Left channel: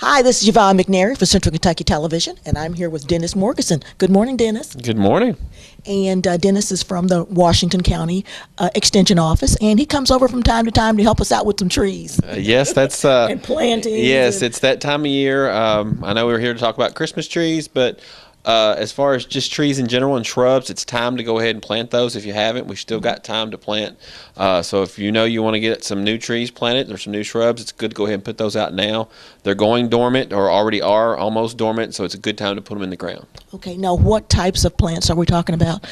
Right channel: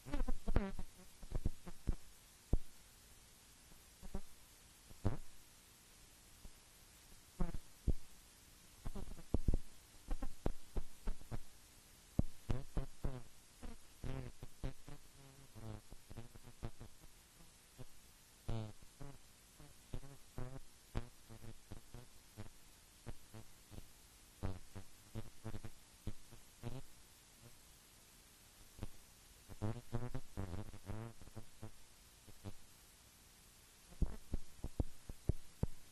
Hi, this is Yvonne McNary for Central Kentucky Television, and I'm here with Dennis Morgeson. Good morning, Dennis. Good morning. And Dennis is from the Washington County Extension Office, and he comes over from time to time to help us out with some trees Yes, that's and plantings. yes, And, it's that time of year. I know we're here to talk about Christmas trees, but as far as just trees in general and shrubs, it's time to go ahead and plant those. If you haven't, we still got time to plant. So if you know you want to get some new trees planted or some new shrubs, it's good to go ahead and put those out now. They're going dormant or already are almost dormant, so it's a good time to put them in the ground. okay, now what types of plants are we talking about?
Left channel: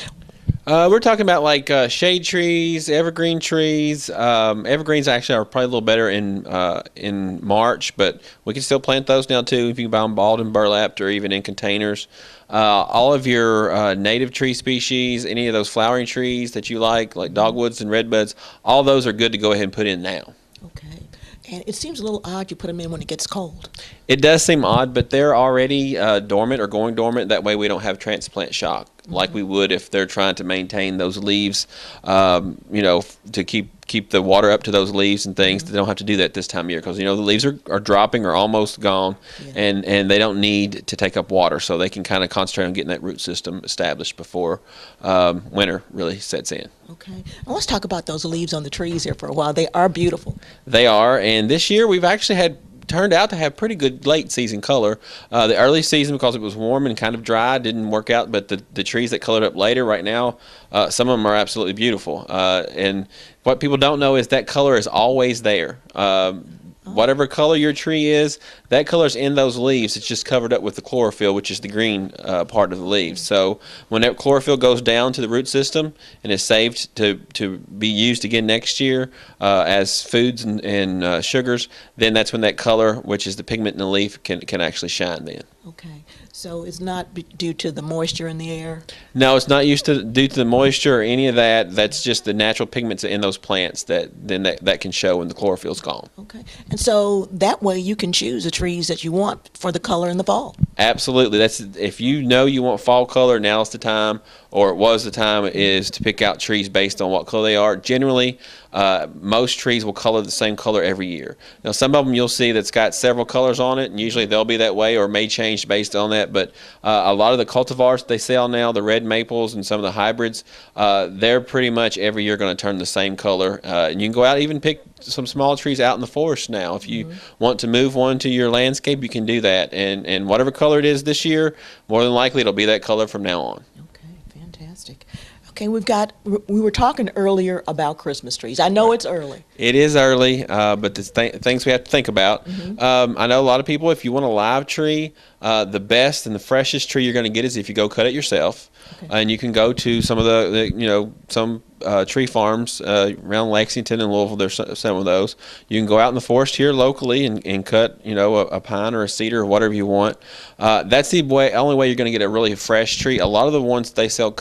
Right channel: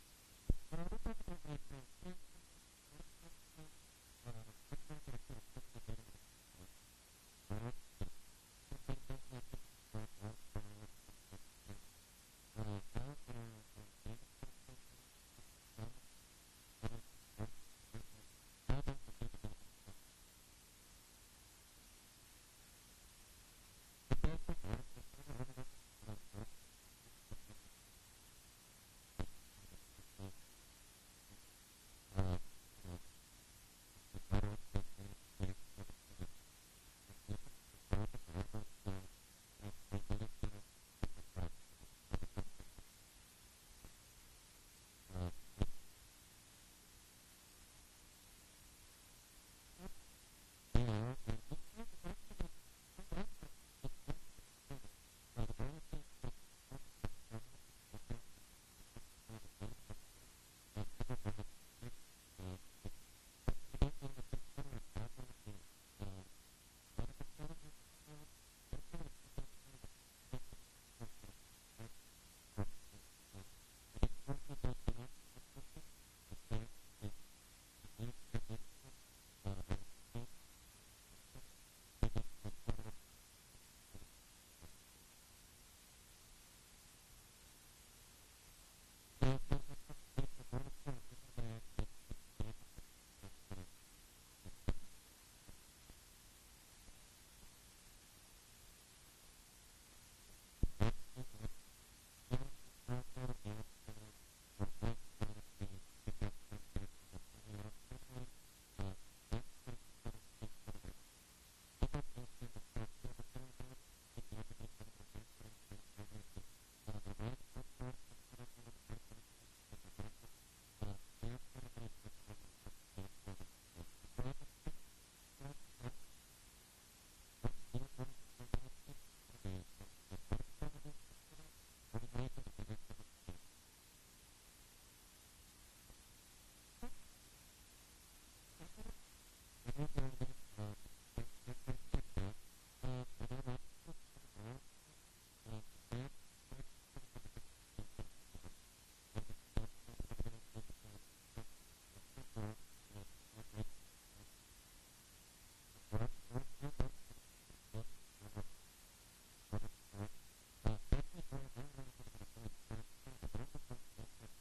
We're talking about like shade trees, evergreen trees. Evergreens actually are probably a little better in March, but we can still plant those now too if you can buy them balled and burlapped or even in containers. All of your native tree species, any of those flowering trees that you like dogwoods and redbuds, all those are good to go ahead and put in now. Okay, and it seems a little odd you put them in when it gets cold. It does seem odd, but they're already dormant or going dormant. That way we don't have transplant shock like we would if they're trying to maintain those leaves, to keep the water up to those leaves and things. They don't have to do that this time of year because, the leaves are dropping or almost gone, and they don't need to take up water. So they can kind of concentrate on getting that root system established before winter really sets in. Okay, now let's talk about those leaves on the trees here for a while. They are beautiful. They are, and this year we've actually turned out to have pretty good late season color. The early season, because it was warm and kind of dry, didn't work out, but the trees that colored up later right now, some of them are absolutely beautiful. And what people don't know is that color is always there. Whatever color your tree is, that color's in those leaves. It's just covered up with the chlorophyll, which is the green part of the leaves. So when that chlorophyll goes down to the root system and is saved to be used again next year as foods and sugars, then that's when that color, which is the pigment in the leaf, can actually shine then. Okay, so it's not due to the moisture in the air? No, it's not due to the moisture or any of that. That's just the natural pigments in those plants that can show when the chlorophyll's gone. Okay, and so that way you can choose the trees that you want for the color in the fall. Absolutely. That's if you know you want fall color, now's the time, or it was the time, is to pick out trees based on what color they are. Generally, most trees will color the same color every year. Now, some of them you'll see that's got several colors on it, and usually they'll be that way or may change based on that. But a lot of the cultivars they sell now, the red maples and some of the hybrids, they're pretty much every year going to turn the same color. And you can go out and even pick some small trees out in the forest now. If you want to move one to your landscape, you can do that. And whatever color it is this year, more than likely it'll be that color from now on. Okay, fantastic. Okay, we were talking earlier about Christmas trees. I know it's early. It is early, but there's things we have to think about. I know a lot of people, if you want a live tree, the best and the freshest tree you're going to get is if you go cut it yourself. Okay. And you can go to some of some tree farms around Lexington and Louisville. There's some of those. You can go out in the forest here locally and cut, a pine or a cedar or whatever you want. That's the only way you're going to get a really fresh tree. A lot of the ones they sell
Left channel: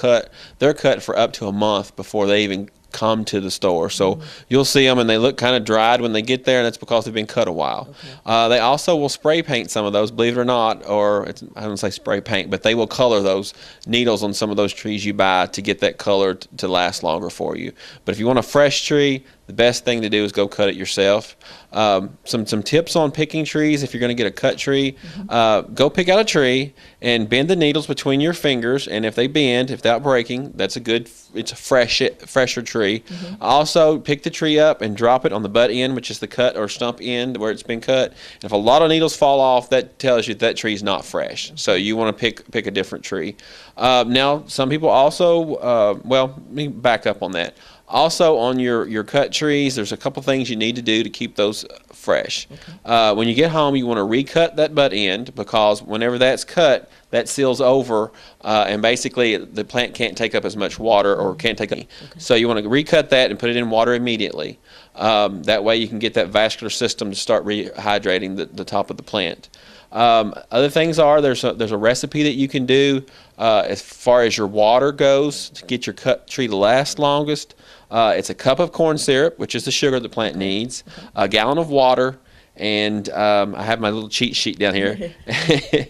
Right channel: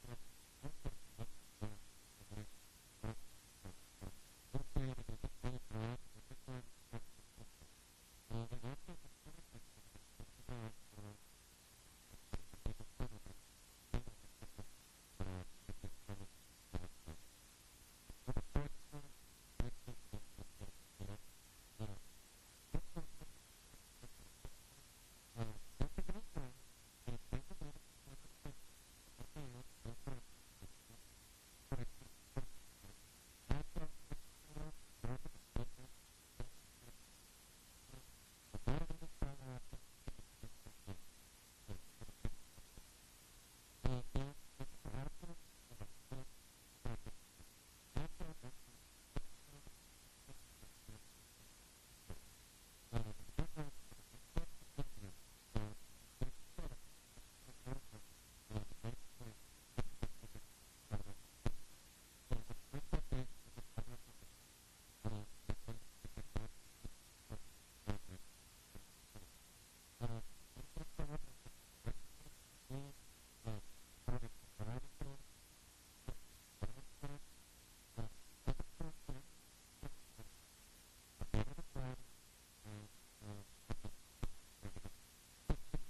they're cut for up to a month before they even come to the store. So you'll see them and they look kind of dried when they get there, and that's because they've been cut a while. Okay. They also will spray paint some of those, believe it or not, I don't say spray paint, but they will color those needles on some of those trees you buy to get that color to last longer for you. But if you want a fresh tree, the best thing to do is go cut it yourself. Some tips on picking trees. If you're going to get a cut tree, go pick out a tree and bend the needles between your fingers. And if they bend, without breaking, it's a fresher tree. Also, pick the tree up and drop it on the butt end, which is the cut or stump end where it's been cut. And if a lot of needles fall off, that tells you that tree's not fresh. So you want to pick a different tree. Now, some people also, let me back up on that. Also, on your cut trees, there's a couple things you need to do to keep those fresh. Okay. When you get home, you want to recut that butt end, because whenever that's cut, that seals over, and basically the plant can't take up as much water or can't take up. Okay. So you want to recut that and put it in water immediately. That way you can get that vascular system to start rehydrating the top of the plant. Other things there's a recipe that you can do as far as your water goes to get your cut tree to last longest. It's a cup of corn syrup, which is the sugar the plant needs, a gallon of water, and I have my little cheat sheet down here,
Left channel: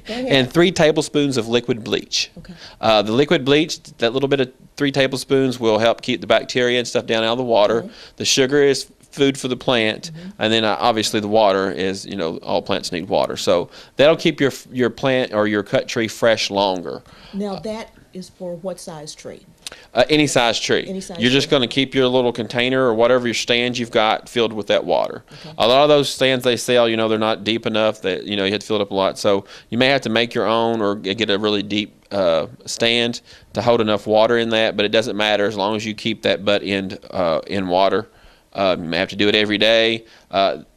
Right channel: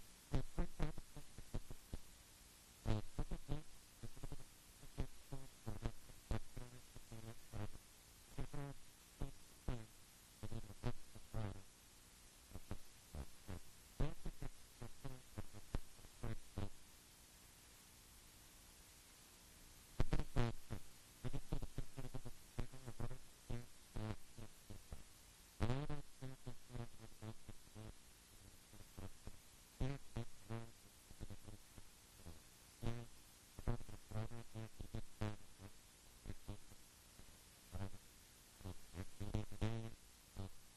and 3 tablespoons of liquid bleach. Okay. The liquid bleach, that little bit of 3 tablespoons will help keep the bacteria and stuff down out of the water. The sugar is food for the plant, and then obviously the water is, all plants need water. So that'll keep your plant or your cut tree fresh longer. Now that is for what size tree? Any size tree. Any size You're just tree. going to keep your little container or whatever your stand you've got filled with that water. Okay. A lot of those stands they sell, they're not deep enough that, you have to fill it up a lot. So you may have to make your own or get a really deep stand to hold enough water in that, but it doesn't matter as long as you keep that butt end in water. You may have to do it every day.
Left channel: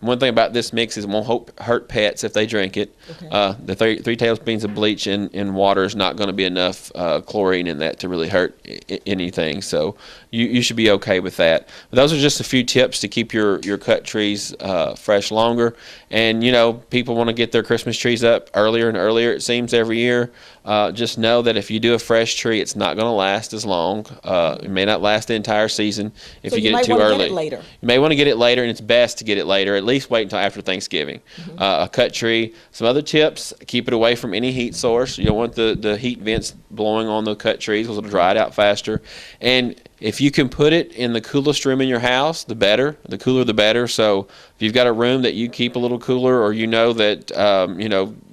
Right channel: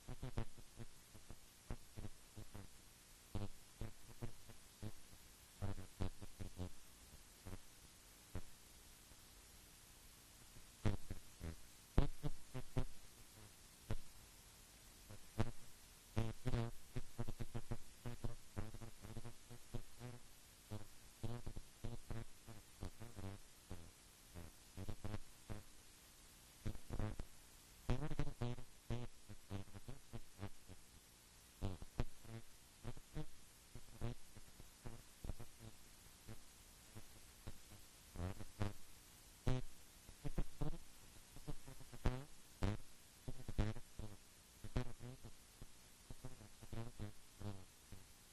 One thing about this mix is it won't hurt pets if they drink it. Okay. The three tablespoons of bleach in water is not going to be enough chlorine in that to really hurt anything. So you should be okay with that. But those are just a few tips to keep your cut trees fresh longer. And, people want to get their Christmas trees up earlier and earlier, it seems, every year. Just know that if you do a fresh tree, it's not going to last as long. It may not last the entire season if So you get might it too wanna early. Get it later. You may want to get it later, and it's best to get it later. At least wait until after Thanksgiving. A cut tree. Some other tips: keep it away from any heat source. You don't want the heat vents blowing on the cut trees because it'll dry it out faster. And if you can put it in the coolest room in your house, the better. The cooler, the better. So if you've got a room that you keep a little cooler, or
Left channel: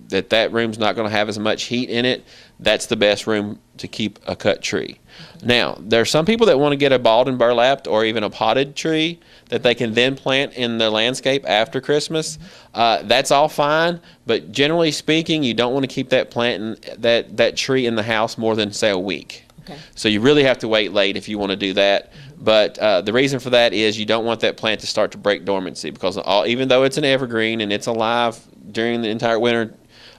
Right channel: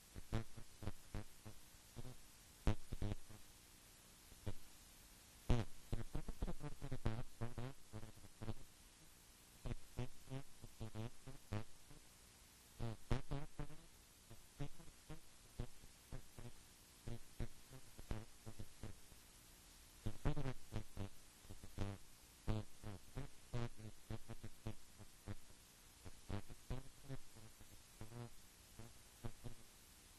that that room's not going to have as much heat in it, that's the best room to keep a cut tree. Now, there are some people that want to get a balled and burlapped or even a potted tree that they can then plant in the landscape after Christmas. That's all fine, but generally speaking, you don't want to keep that that tree in the house more than, say, a week. Okay. So you really have to wait late if you want to do that. But the reason for that is you don't want that plant to start to break dormancy, because even though it's an evergreen and it's alive during the entire winter,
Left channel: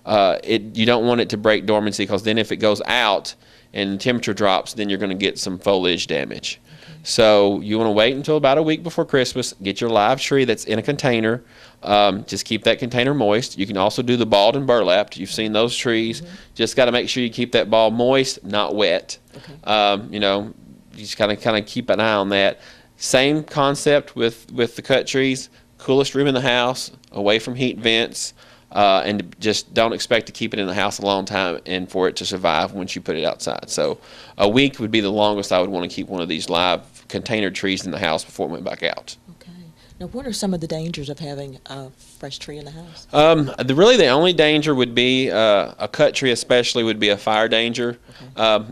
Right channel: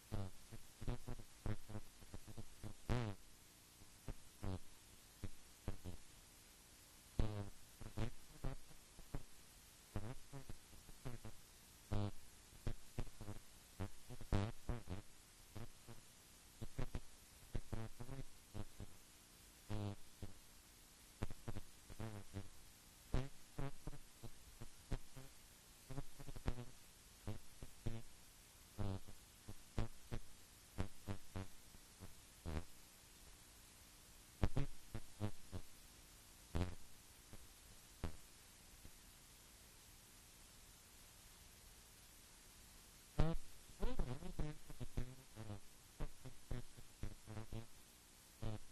you don't want it to break dormancy, because then if it goes out and the temperature drops, then you're going to get some foliage damage. Okay. So you want to wait until about a week before Christmas, get your live tree that's in a container. Just keep that container moist. You can also do the balled and burlapped. You've seen those trees. Just got to make sure you keep that ball moist, not wet. Okay. You just kind of keep an eye on that. Same concept with the cut trees. Coolest room in the house, away from heat vents. And just don't expect to keep it in the house a long time and for it to survive once you put it outside. So a week would be the longest I would want to keep one of these live container trees in the house before it went back out. Okay. Now, what are some of the dangers of having a fresh tree in the house? Really the only danger would be a cut tree, especially, would be a fire danger. Okay.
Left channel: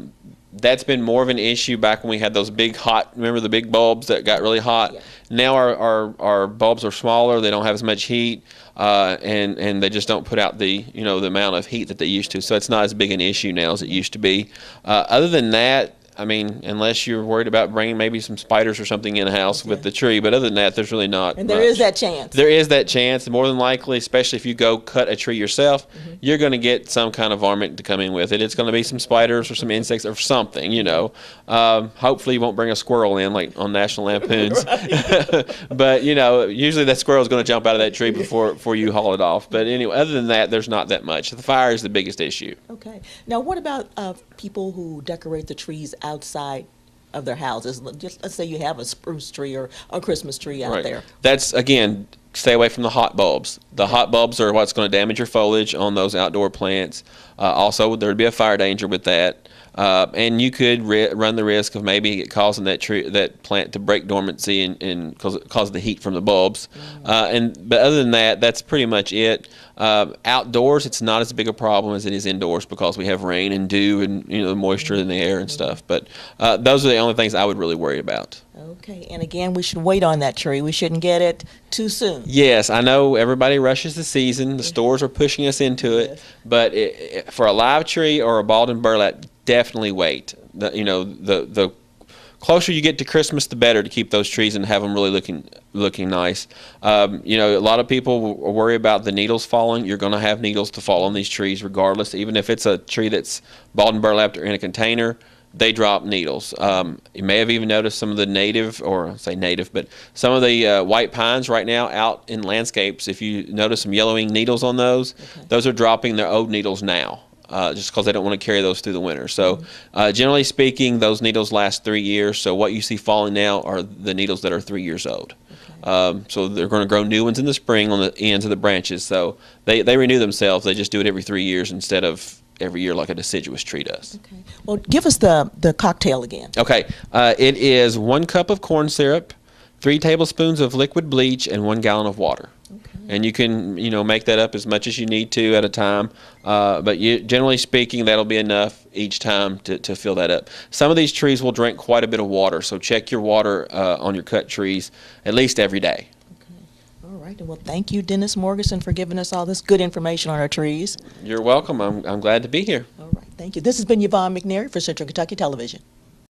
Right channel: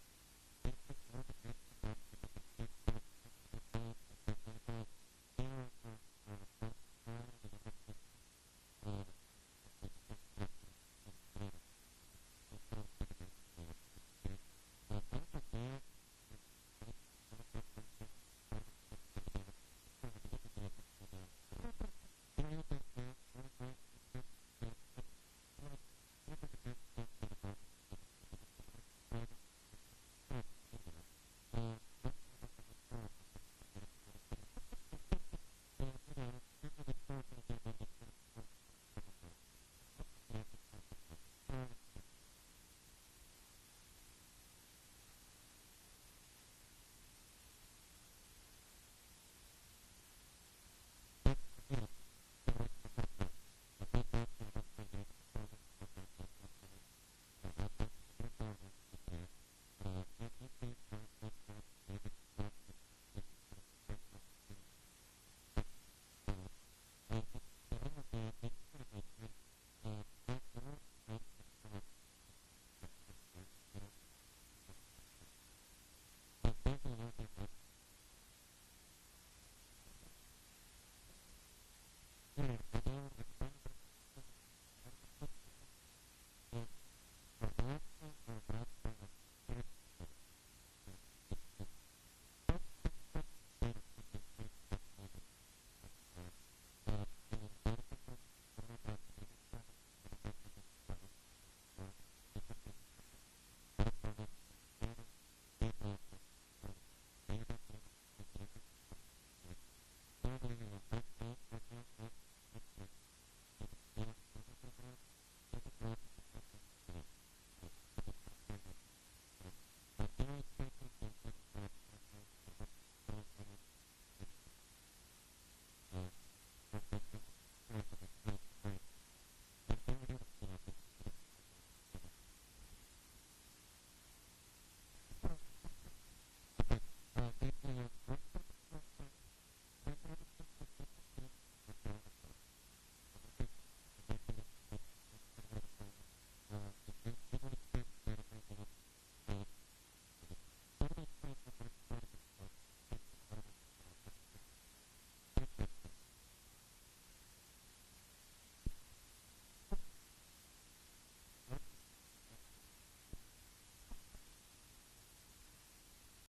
That's been more of an issue back when we had those big remember the big bulbs that got really hot? Yeah. Now our bulbs are smaller, they don't have as much heat, and they just don't put out the amount of heat that they used to. So it's not as big an issue now as it used to be. Other than that, I mean, unless you're worried about bringing maybe some spiders or something in the house with the tree, but other than that, there's really not. And there is that chance. There is that chance. More than likely, especially if you go cut a tree yourself, you're going to get some kind of varmint to come in with it. It's going to be some spiders or some insects or something, Hopefully you won't bring a squirrel in like on National Lampoons. But, usually that squirrel is going to jump out of that tree before you haul it off. But anyway, other than that, there's not that much. The fire is the biggest issue. Okay. Now, what about people who decorate the trees outside of their houses? Let's say you have a spruce tree or a Christmas tree out there. That's, again, stay away from the hot bulbs. The hot bulbs are what's going to damage your foliage on those outdoor plants. Also, there would be a fire danger with that. And you could run the risk of maybe causing that plant to break dormancy and cause the heat from the bulbs. But other than that, that's pretty much it. Outdoors, it's not as big a problem as it is indoors, because we have rain and dew and the moisture in the air and stuff. But those are the only things I would really worry about. Okay, and again, we should wait on that tree. We shouldn't get it too soon. Yes, I know everybody rushes the season. The stores are pushing us into it. But for a live tree or a balled and burlap, definitely wait. The closer you get to Christmas, the better to keep those trees and have them really looking nice. A lot of people worry about the needles falling. You're going to have needles to fall on these trees regardless. Even if it's a tree that's balled and burlapped or in a container, they drop needles. You may have even noticed some of the but some of the white pines right now out in landscapes, if you notice some yellowing needles on those, those are dropping their old needles now. Just because they don't want to carry those through the winter. So generally speaking, those needles last 3 years. So what you see falling now are the needles that are 3 years old. So they're going to grow new ones in the spring on the ends of the branches. So they renew themselves. They just do it every 3 years instead of every year like a deciduous tree does. Okay. Well, give us the cocktail again. Okay. It is 1 cup of corn syrup, 3 tablespoons of liquid bleach, and 1 gallon of water. And you can, make that up as much as you need to at a time. But generally speaking, that'll be enough each time to fill that up. Some of these trees will drink quite a bit of water, so check your water on your cut trees at least every day. All right. Well, thank you, Dennis Morgeson, for giving us all this good information on our trees. You're welcome. I'm glad to be here. All right. Thank you. This has been Yvonne McNary for Central Kentucky Television.